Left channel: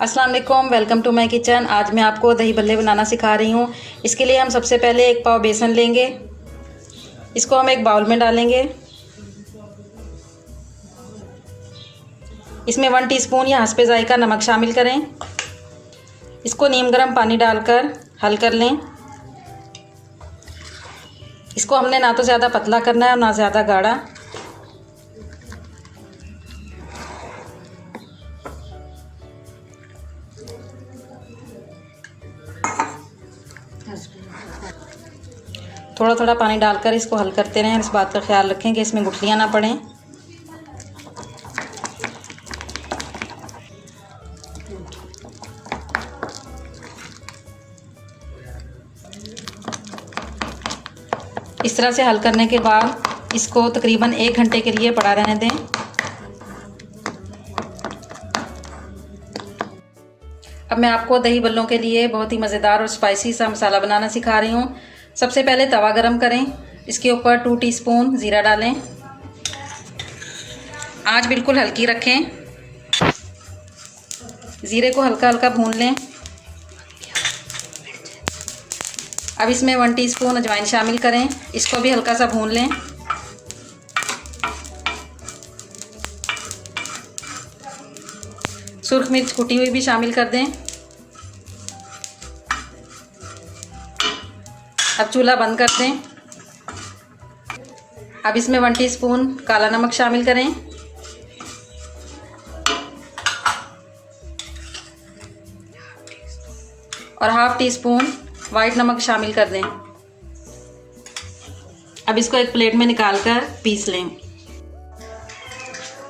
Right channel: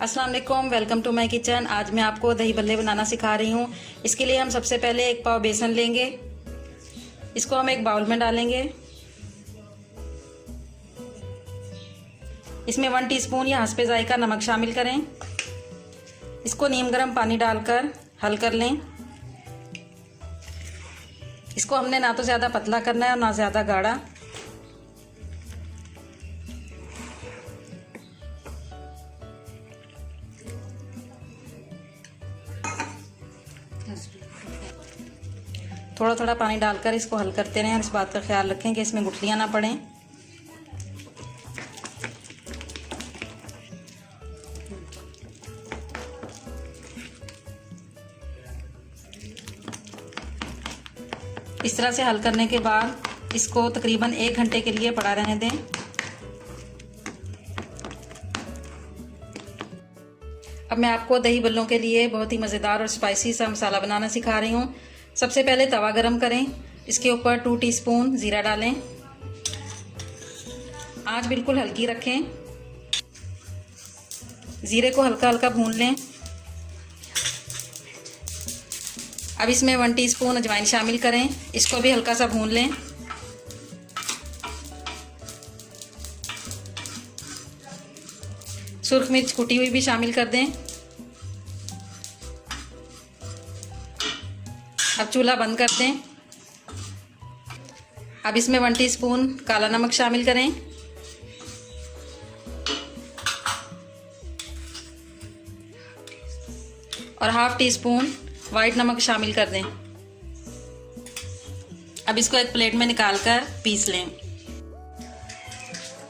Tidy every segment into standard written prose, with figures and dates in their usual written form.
अस्सलाम वालेकुम, welcome to my kitchen. आज मैं आपको दही भल्ले बनाना सिखा रही हूँ। इसके लिए हम सबसे पहले एक पाव बेसन लेंगे। इसको हम एक बाउल में डालेंगे। इसमें 1 टीस्पून या हस्बे जायका नमक शामिल करें। इसको नीम गर्म पानी डालकर हल कर लें। इसको हमने ना तो ज़्यादा पतला करना है और ना ज़्यादा गाढ़ा। थोड़ा थोड़ा पानी डालकर इसको हल करते रहें। इस बात का ख्याल रखें कि इसमें गुठलियाँ ना पड़ें। इस तरह से हल करने के बाद इसको तकरीबन 1 घंटे के लिए पड़ा रहने दें। अब मैं आपको दही भल्लों के लिए बहुत ही मज़ेदार और स्पाइसी सा मसाला बनाना सिखा रही हूँ। सबसे पहले तवा गरम करें। इसके ऊपर 2 टीस्पून ज़ीरा डालें। आंच बिल्कुल हल्की रखें। ज़ीरे को हल्का हल्का भून लें। अब इसमें 1 टीस्पून अजवाइन शामिल करें। इसको भी हल्का सा भून लें। सुर्ख मिर्च कुटी हुई भी शामिल कर दें। अब चूल्हा बंद कर दें। अब इसमें 1 टीस्पून काला नमक शामिल करें। और ½ टीस्पून वाइट नमक शामिल कर दें। अब इसको एक प्लेट में निकाल कर पीस लें।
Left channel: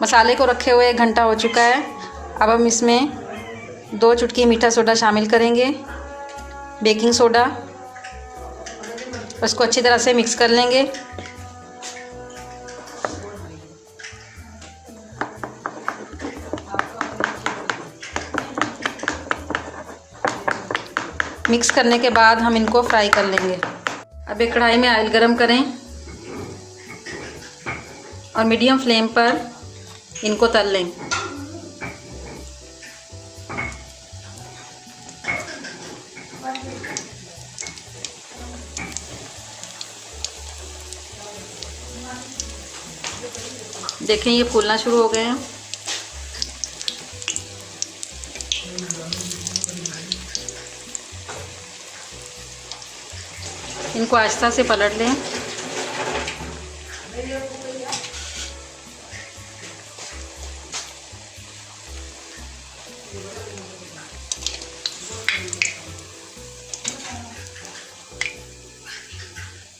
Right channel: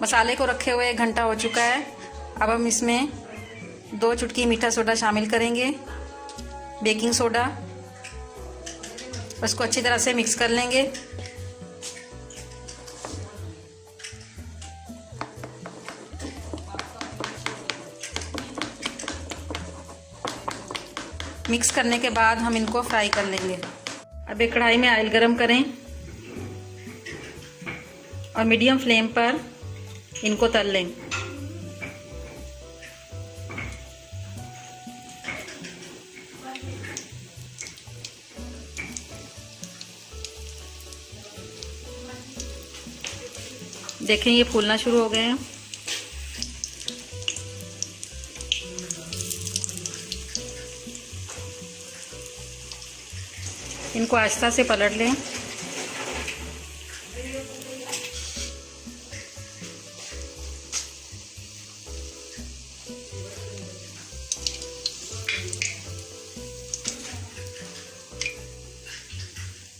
मसाले को रखे हुए 1 घंटा हो चुका है। अब हम इसमें 2 चुटकी मीठा सोडा शामिल करेंगे, बेकिंग सोडा। उसको अच्छी तरह से मिक्स कर लेंगे। मिक्स करने के बाद हम इनको फ्राई कर लेंगे। अब एक कढ़ाई में ऑयल गरम करें और मीडियम फ्लेम पर इनको तल लें। देखें ये फूलना शुरू हो गए हैं। इनको आहिस्ता से पलट लें।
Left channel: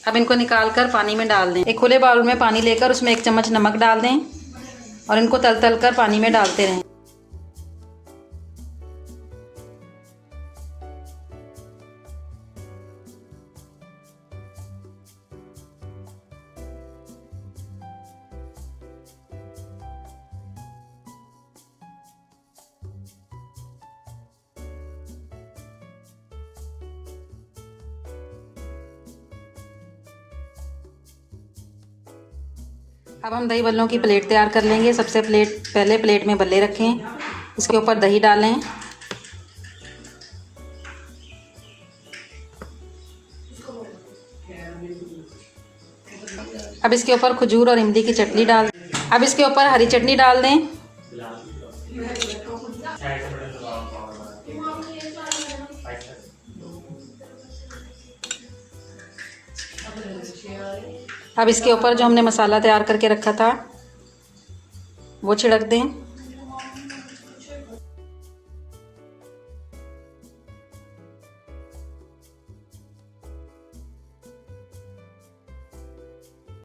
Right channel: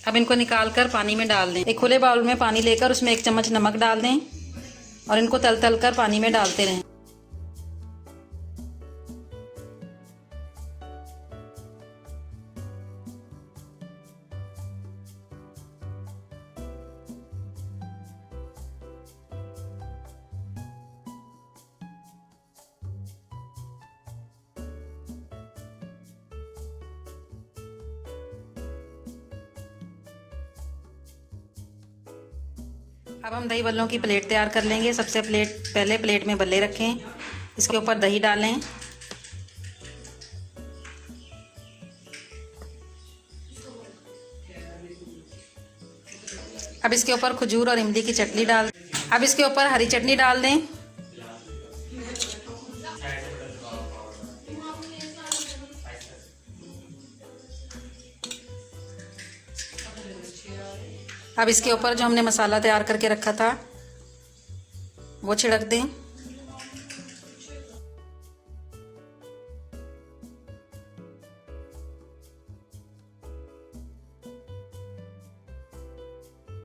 अब इनको निकाल कर पानी में डाल दें। एक खुले बाउल में पानी लेकर उसमें 1 चम्मच नमक डाल दें और इनको तल तल कर पानी में डालते रहें। अब हम दही भल्लों की प्लेट तैयार कर लेंगे। सबसे पहले प्लेट में भल्ले रखें। इसके ऊपर दही डालें। अब इसके ऊपर खजूर और इमली की चटनी डाल। अब इसके ऊपर हरी चटनी डाल दें। अब इसके ऊपर जो हमने मसाला तैयार करके रखा था वो छिड़क दें।